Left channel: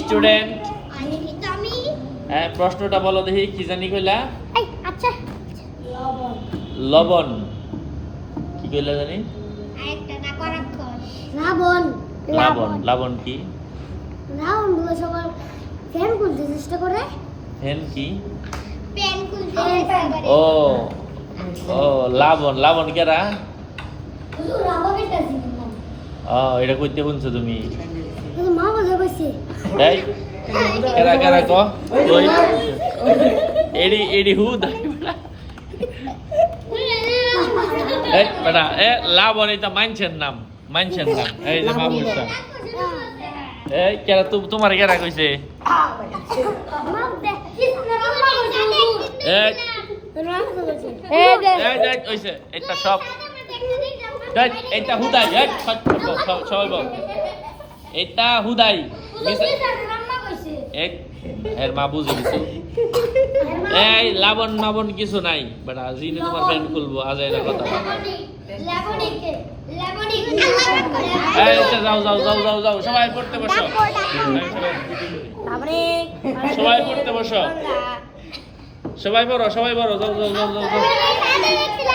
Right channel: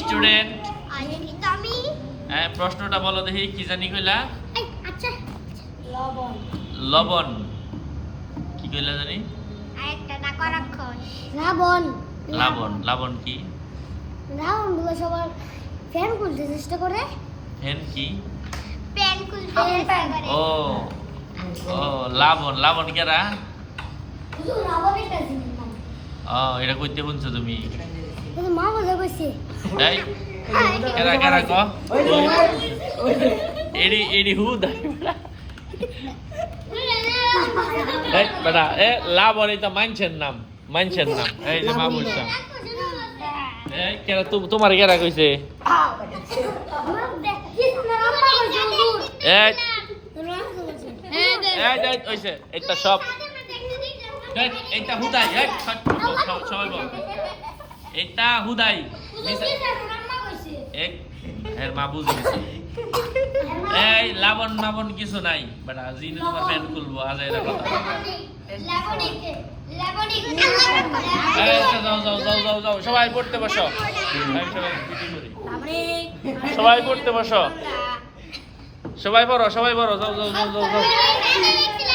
Student হ্যাঁ প্রশ্নটা বলো দেখি কি জানি কইলা? এই আচ্ছা। লবণ। লবণ। কি কইলা জানি? রাবণ। লাবণ। লাবণ কি? রাবণগুলো সবার ফ্যান খুলতে চেষ্টা করে। হেন কি? প্যান খুলতে ও ও লাবণ। লাবণ কেরা? ও এটা কইতে বলছো তুমি। মা বলে কইছে। এই কেরা কেরা কো। ওই এডি এডি হু দা। এই বেটা এ লাবণ এটা মানছেন নাম মানছেন নাম। এই যে মা বলছা এই কেরা তু তোমার কেরা কইছে? এই। এই এই কইছে এটা সব। এটা হুদাই এই সব- বল। এটা হুদাই। এর মা বুঝে গেছে এই লাবণ লাবণ কিছু নাই। বেটা জিনে তোমার ফ্যান খুলবো আজ এর কথা আচ্ছা, যাও যাও যাও যাও যাও। সবাই পড়তে বসো। সবাই পড়তে বসো। সবাই পড়ো সবাই পড়ো। যাও যাও যাও যাও যাও।